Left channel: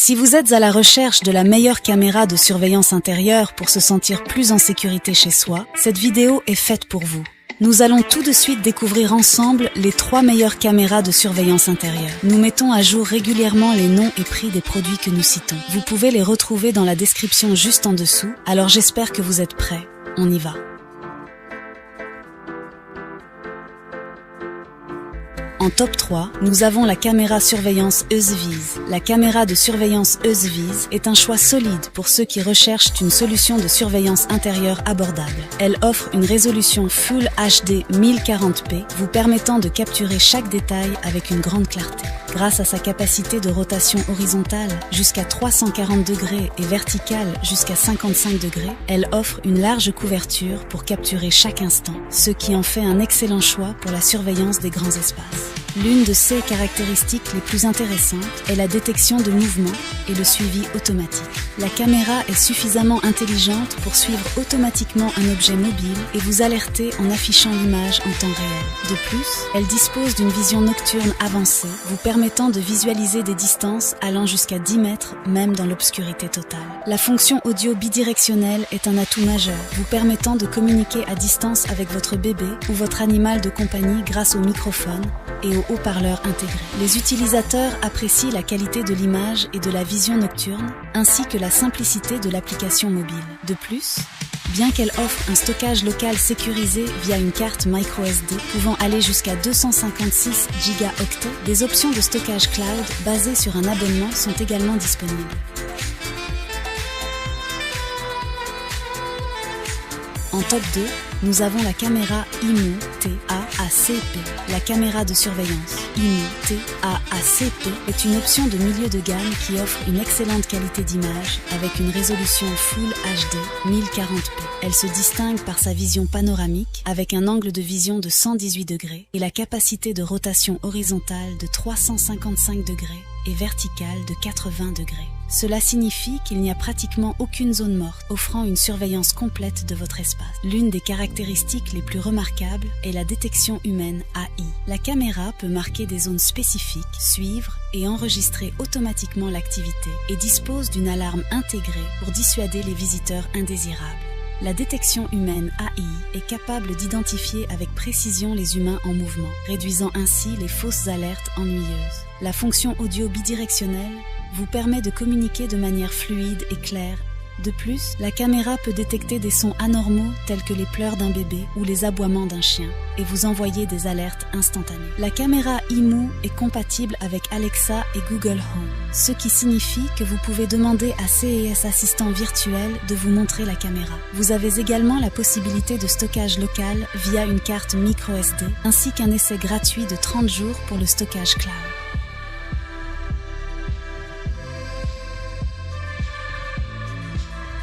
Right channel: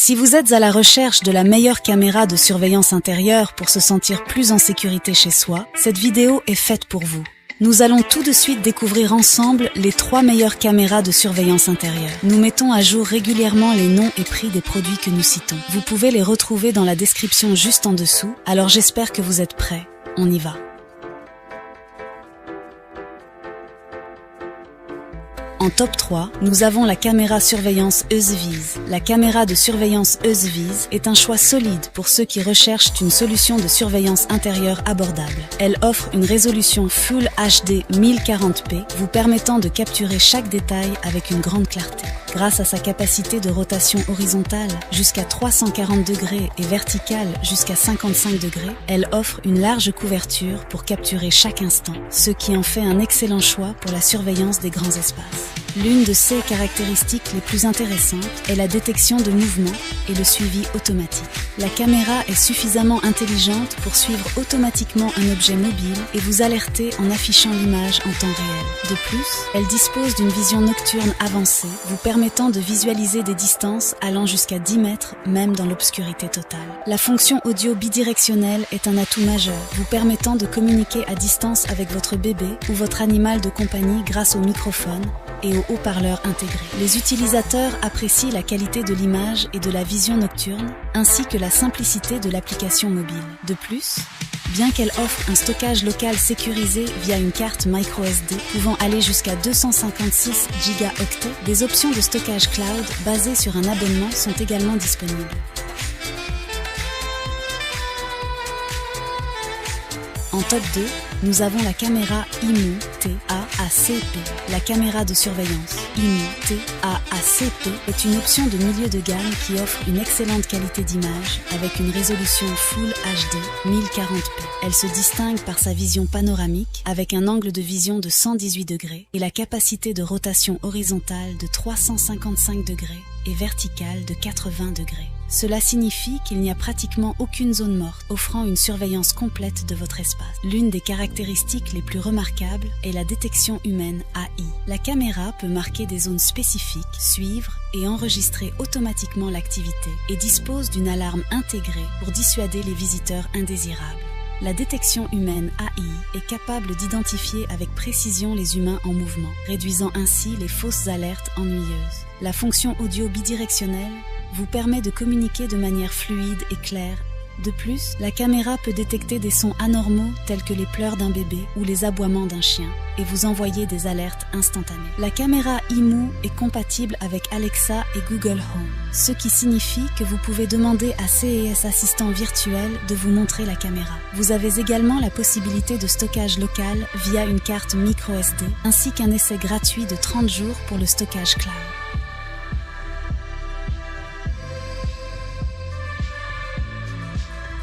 Si vous êtes à la recherche de la meilleure caméra de surveillance intérieure pour se sentir plus en sécurité chez soi, cette vidéo est faite pour vous. Nous allons tout de suite découvrir ensemble les 3 meilleures caméras de surveillance intérieure. Nous mettons à jour régulièrement les noms et prix des produits que nous citons. Vous pouvez les retrouver dans la description juste en dessous, alors j'espère que vous êtes prêts. On y va. En top 3, nous avons la caméra surveillance Eusviz. La caméra de surveillance Eusviz est un choix solide pour ceux qui recherchent une solution de surveillance intérieure abordable. Elle offre une résolution Full HD 1040p, vous permettant de capturer chaque détail avec une grande clarté. Grâce à sa capacité de rotation horizontale jusqu'à 340 degrés et verticale jusqu'à 55 degrés, elle offre une large couverture pour capturer chaque instant, ce qui en fait un excellent choix pour la surveillance des grands espaces. L'une de ses caractéristiques les plus intéressantes est la détection de mouvement et le suivi automatique. La caméra est suffisamment intelligente pour suivre automatiquement un objet mobile et vous alerter en affichant l'image en temps réel. De plus, elle dispose d'une vision nocturne avancée, vous permettant de visualiser des distances allant jusqu'à 10 mètres, même dans l'obscurité totale. La fonction audio bidirectionnelle est un atout majeur, vous permettant de communiquer à distance avec votre bébé ou votre animal de compagnie grâce au microphone et aux haut-parleurs intégrés. Les utilisateurs apprécient la qualité de l'image et de la vision nocturne, ainsi que la simplicité de l'application mobile. De plus, bien qu'elle offre un stockage local sécurisé via une carte microSD pouvant aller jusqu'à 256 Go, des options de stockage cloud basées sur un abonnement sont également disponibles. En top 2, nous avons la caméra IMU TAACP. La caméra de surveillance IMU TAACP est une option de milieu de gamme qui offre une excellente qualité d'image avec une résolution Full HD 1040p. Elle se distingue par sa vision panoramique avec un angle de vision de 118 degrés et la capacité de rotation horizontale de 355 degrés et verticale de 80 degrés. Cela signifie qu'il n'y a pratiquement aucune zone morte, offrant une surveillance complète de votre espace. L'une des caractéristiques les plus remarquables est la détection humaine AI. La caméra peut marquer des zones spécifiques, suivre et enregistrer automatiquement l'activité et dispose d'une alarme intégrée pour dissuader les visiteurs indésirables. La détection humaine AI est capable d'identifier avec précision les humains en mouvement, réduisant ainsi les fausses alertes ennuyeuses. La fonction audio bidirectionnelle vous permet de communiquer de manière fluide et claire. De plus, la caméra peut détecter des sons anormaux tels que les pleurs d'un bébé ou les aboiements d'un chien et vous envoyer des alertes instantanées. La caméra IMU est compatible avec Alexa et Google Home, ce qui signifie que vous pouvez demander à CES Assistant virtuel de vous montrer la caméra. Vous avez également la possibilité de stockage local via une carte microSD ainsi qu'un essai gratuit de 30 jours pour le stockage cloud.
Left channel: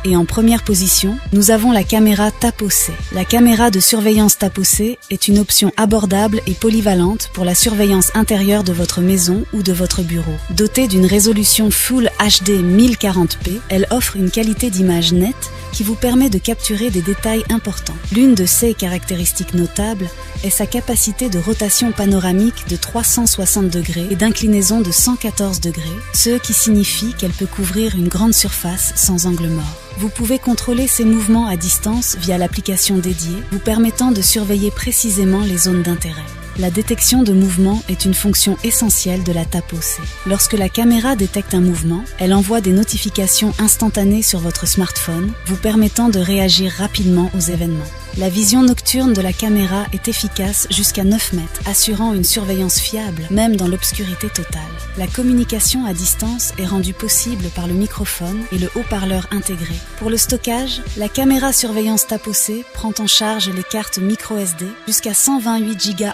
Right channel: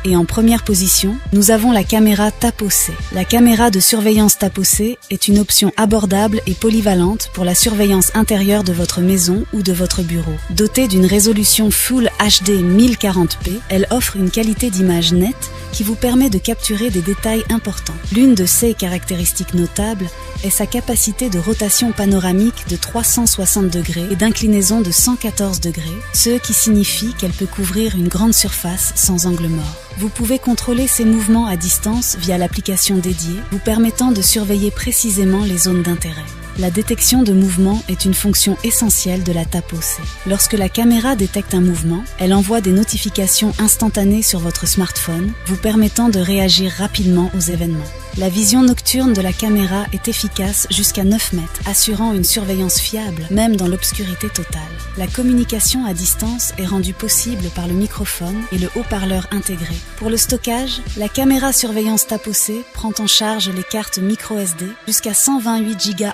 Et en première position, nous avons la caméra TAPOC. La caméra de surveillance TAPOC est une option abordable et polyvalente pour la surveillance intérieure de votre maison ou de votre bureau. Dotée d'une résolution Full HD 1040p, elle offre une qualité d'image nette qui vous permet de capturer des détails importants. L'une de ses caractéristiques notables est sa capacité de rotation panoramique de 360 degrés et d'inclinaison de 114 degrés, ce qui signifie qu'elle peut couvrir une grande surface sans angle mort. Vous pouvez contrôler ces mouvements à distance via l'application dédiée, vous permettant de surveiller précisément les zones d'intérêt. La détection de mouvement est une fonction essentielle de la TAPOC. Lorsque la caméra détecte un mouvement, elle envoie des notifications instantanées sur votre smartphone, vous permettant de réagir rapidement aux événements. La vision nocturne de la caméra est efficace jusqu'à 9 mètres, assurant une surveillance fiable, même dans l'obscurité totale. La communication à distance est rendue possible par le microphone et le haut-parleur intégré. Pour le stockage, la surveillance TAPOC prend en charge les cartes microSD jusqu'à 128 Go,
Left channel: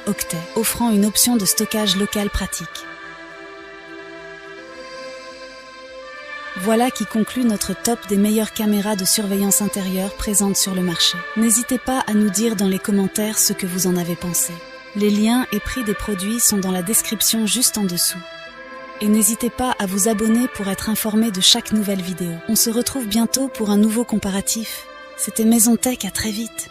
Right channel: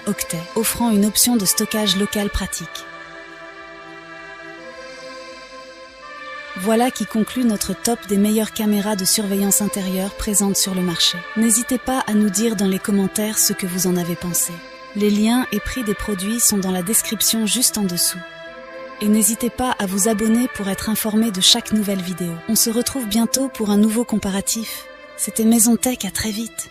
offrant une option de stockage local pratique. Voilà qui conclut notre top des meilleures caméras de surveillance intérieure présentes sur le marché. N'hésitez pas à nous dire dans les commentaires ce que vous en avez pensé. Les liens et prix des produits sont dans la description juste en dessous. Et n'hésitez pas à vous abonner pour être informé de chaque nouvelle vidéo. On se retrouve bientôt pour un nouveau comparatif. C'était Maison Tech, à très vite.